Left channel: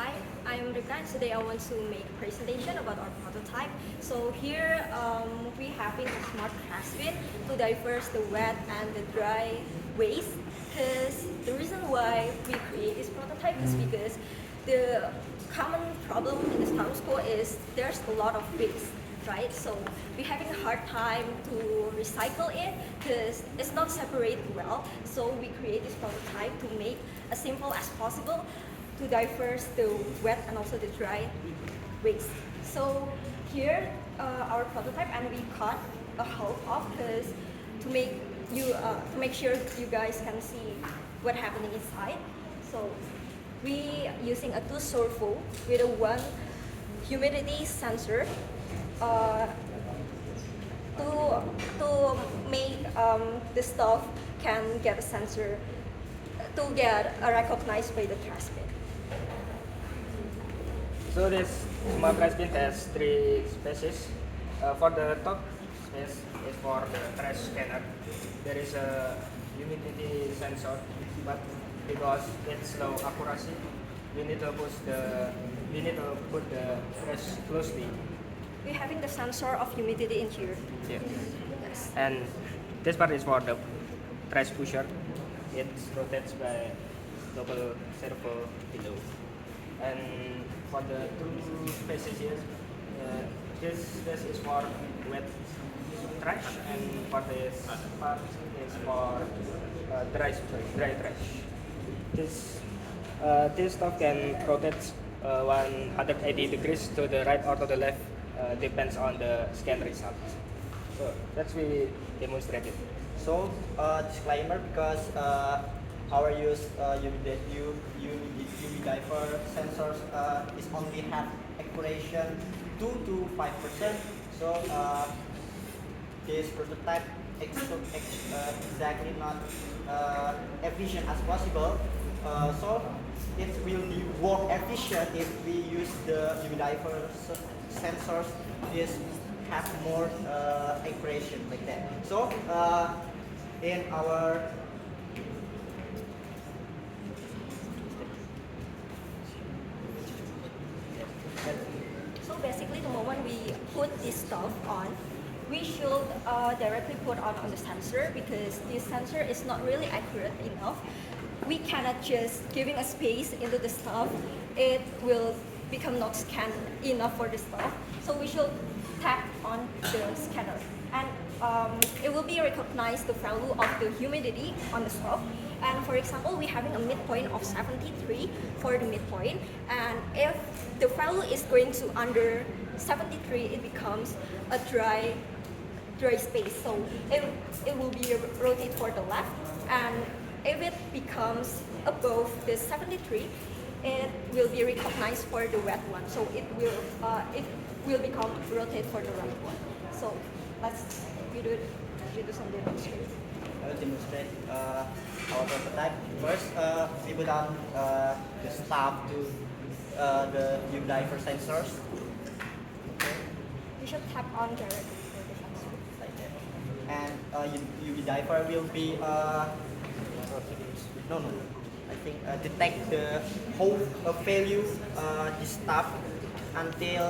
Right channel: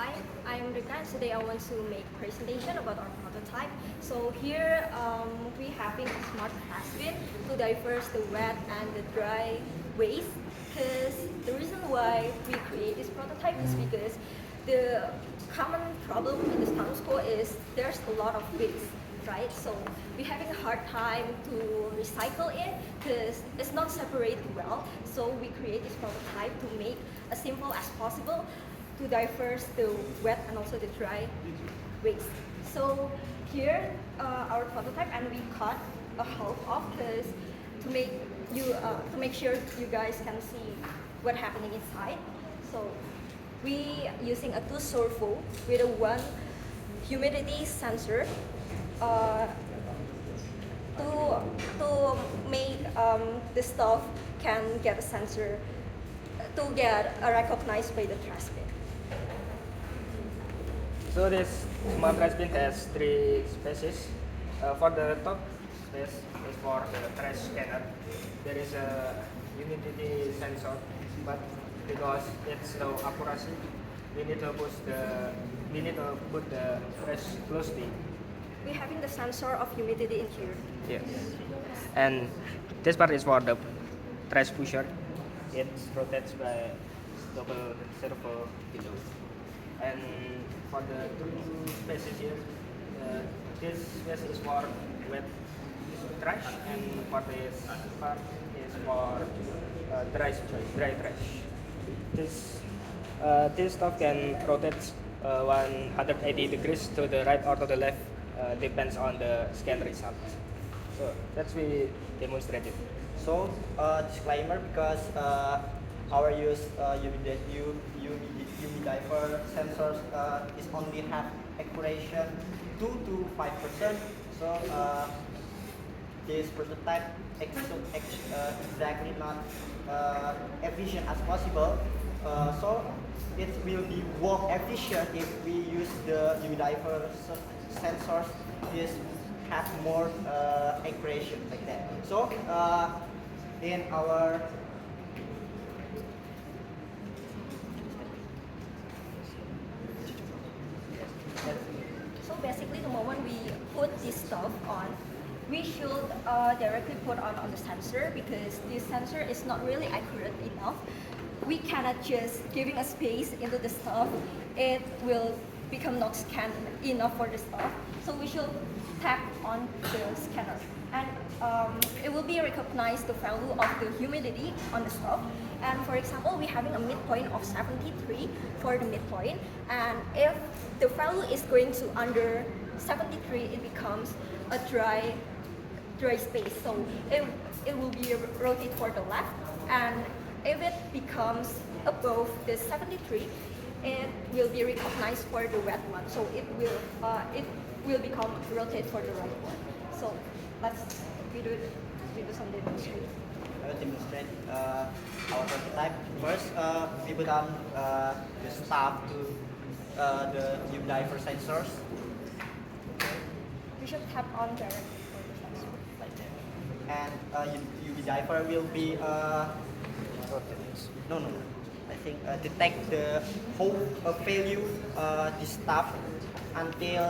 Hi, I'm Rika. Today I want to make a presentation about our prototype. So here we having a smart trash bin to diverse the wet and the dry waste. Because the reason why we create this prototype is because the common problem in this town school is there's a lot of waste, right? So we're having a hard time to recycle it because it's not separated well. So we create this prototype to make as simple as possible to diverse the wet and also the dry waste. So here our prototype, and we cut a half off because to make sure you guys can see what happening inside. So we using a 2 surfo with a 1 humidity sensor uh, to make the stuff can get a sensor to get recognized by the trash bin. So this smart trash bin has 3 spaces. For the top space is for the trash scanner. There is a humidity sensor, but because it's low accuracy, we need to put the trash closely. We're having the sensor of humidity in here. Yeah. And this part is for the trash pusher. It rotates by double servo below. And for the 2 spaces here, this space is for wet trash, and for this part is for dry trash. This stuff can rotate 180 degrees to the right or to the left, depends on the scan result. So that's we demonstrated. So, disclaimer, because our use UV diaper sensors is only have accuracy 2 to 5%. So this prototype exactly not efficient as possible. So it will be more efficient if we use the UV diaper sensors. This has more accuracy like that. So in our So basically, the moment we put this stuff on, we should directly put on the sensor because this sensor is not really accurate enough. We cannot just giving a space into the stuff. It will become not scanned enough for the stuff. So we should tap on the scanner, and it will be recognized the value of the humidity on the stuff. And for example, we're having a midpoint of 73 for the midpoint, and if the value is going to under 73, it becomes a dry space. So it will be rotate for the left, and if it becomes above the 73, it will be recognized for the wet one. So it will become rotate for the right one. So let's you do some demonstration. I will demonstrate our prototype. First, we put on the staff to the UV diaper sensors. Okay. You should tap on directly for the sensor. Like that. And UV diaper will be no. I think detect the whole value the staff until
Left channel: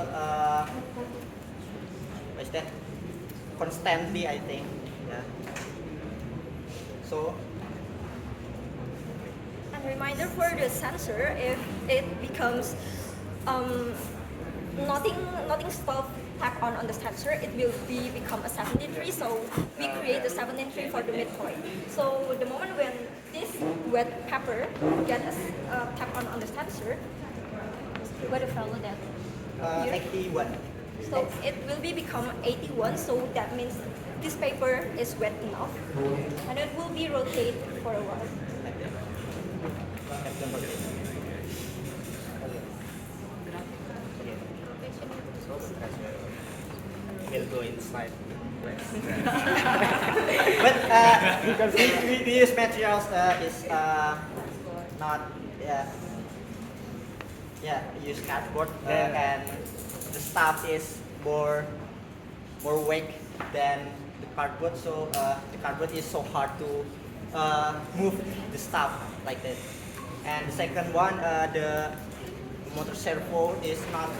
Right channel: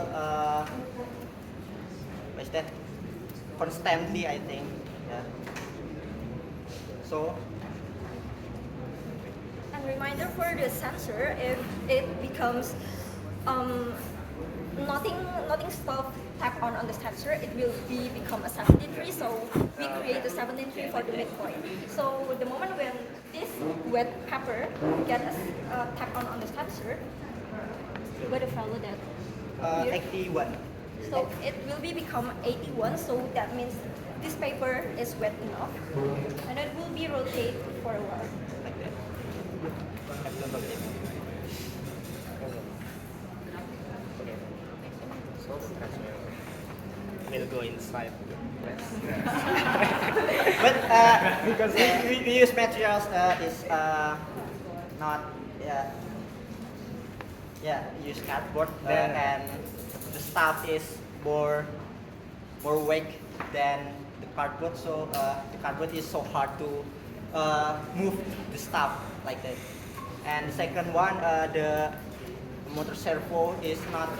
what's that? Constantly, I think. Yeah. So. And reminder for the sensor, if it becomes nothing stuff tap on the sensor, it will become a 73. So we create a 73 for the midpoint. So the moment when this wet pepper get a tap on the sensor, what the value that here? 81. So it will become 81. So that means this paper is wet enough, and it will be rotate for a while. Like that. That's the bucket. So the trash will go inside. But because we use materials is not we use cardboard and the stuff is more weight than the cardboard, so the cardboard is so hard to move the stuff like that. And the second one, the motor servo is not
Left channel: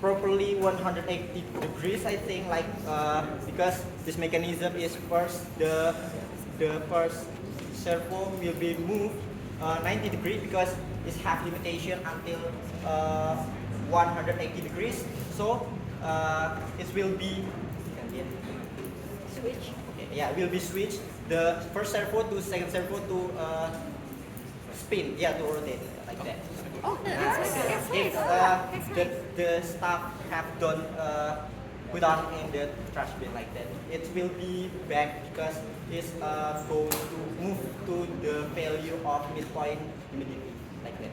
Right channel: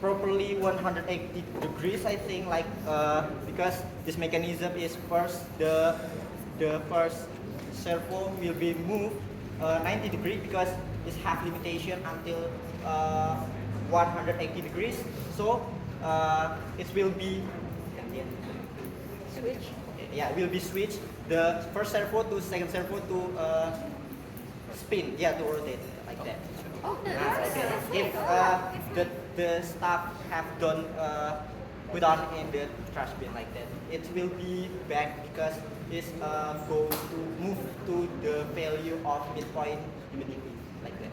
properly 180 degrees, I think, like because this mechanism is first the first servo will be moved 90 degrees because it have limitation until 180 degrees. So it will be Switch. yeah, will be switched the first servo to second servo to spin, yeah, to rotate like that. Okay, that's If the staff have done put on in the trash bin like that, it will be back because it's going to move to the value of its point immediately like that.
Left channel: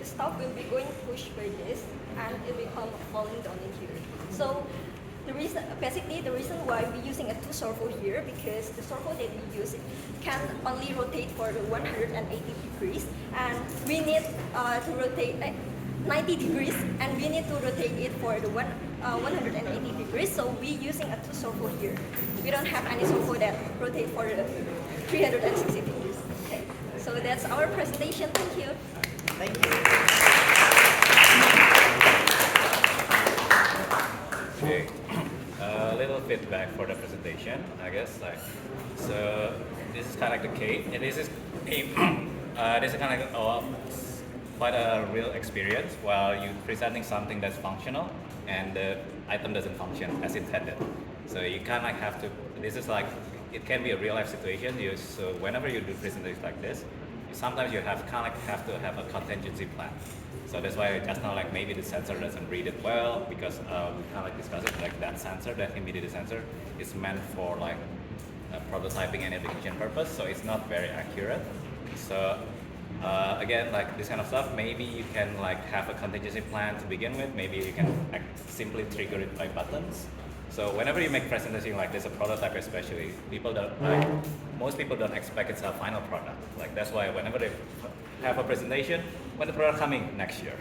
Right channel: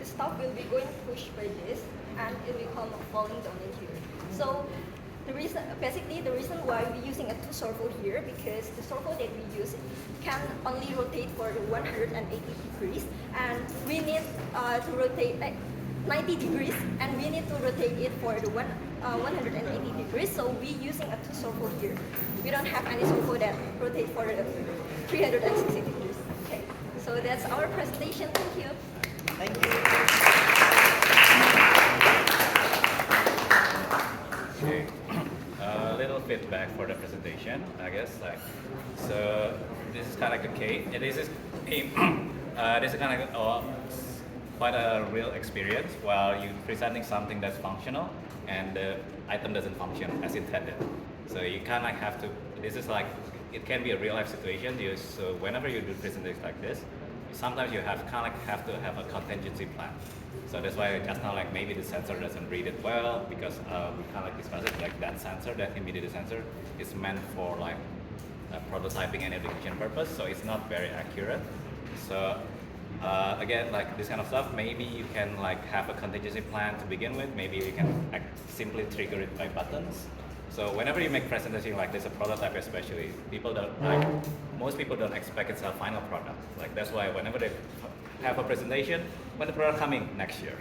The stuff will be going pushed by this, and it will come falling down in here. So basically the reason why we're using a two servo here, because the servo that we use can only rotate for the 180 degrees, and we need to rotate 90 degrees, and we need to rotate it for the 180 degrees. So we're using a two servo here. We don't have any servo that rotate for the 360 degrees. Okay, so that's our presentation. Thank you. Thank you. Okay. A little feedback for the presentation, I guess. So this is kind of like the case. This is this is kind of quite a real experience while you presenting something that's functional and the item doesn't function as intended. So you kind of like have to. This is like it can be a real life situation. So whenever you do presentations like this, sometimes you have kind of like have to have a contingency plan. So that's why just now like maybe the sensor doesn't read it well because we kind of like discussed it like that sensor, that immediate sensor, is meant for like prototyping and education purpose, so it's not very accurate. So again, like this kind of stuff, maybe you can like have a contingency plan to begin with. Maybe you can simply trigger it by buttons. So whenever you make presentation like this, a prototype especially, people don't like, most people don't expect it's a final product. Like that's why whenever they have a presentation, when the product coming next year.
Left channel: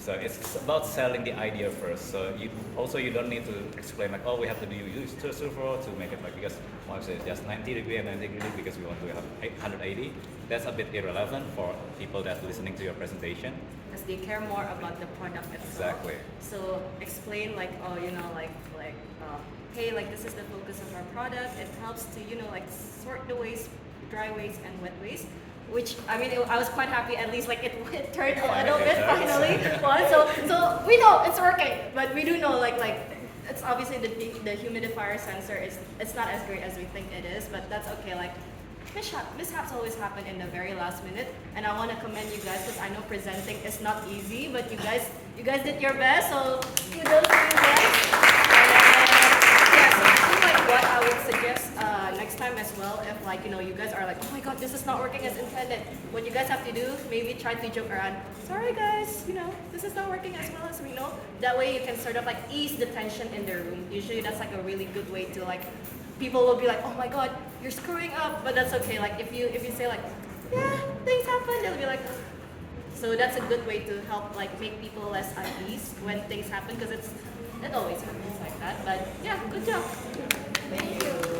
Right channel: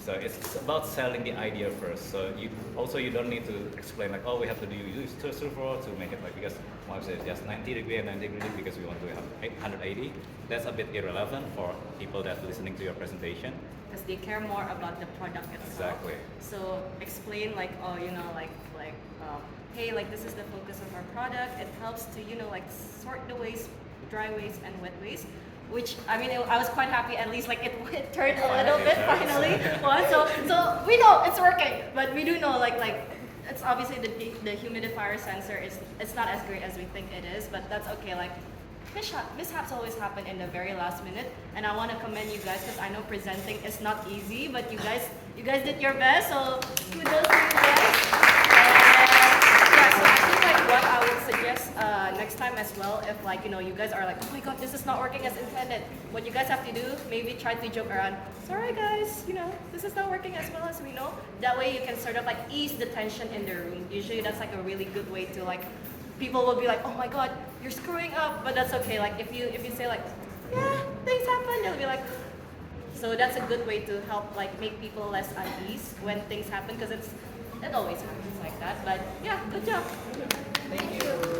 So it's about selling the idea first. So you don't need to explain like, oh, we have to use two servo to make it like, because once it's just 90 degree and 90 degree because we want to have 180. That's a bit irrelevant for people that listening to your presentation. Because they care more about the product itself. Exactly. So explain like, oh, you know, hey, like this is the focus of our product. It helps to, you know, like sort the waste, dry waste and wet waste. Which I mean, I was quite happy. At least like it turned a little bit finally. So we know it's working, but we do know like it's obviously the humidifier sensor is it's not as great as we think it is, but that's okay. Like mishaps always happen in the very last minute, and I want to commend you guys because I know presenting is not easy, but you guys did your best. So kudos to you guys. Yeah, so I think like what I would suggest next time as well, if like you know you guys are like, oh my god, this is not working as intended, what you guys have to do, maybe try to joke around, sorry guys, you know, this is not working as well as we know. That way you can sort of like ease the tension in the room. Usually that's like a really good way to like, people will be like, oh my god, you're screwing up, but that's okay. Like if you say like, yeah, things happen, they'll be like. So that's a good way to help like make people less at ease when things happen, because it always happens like that. But yeah, good job. Thank you.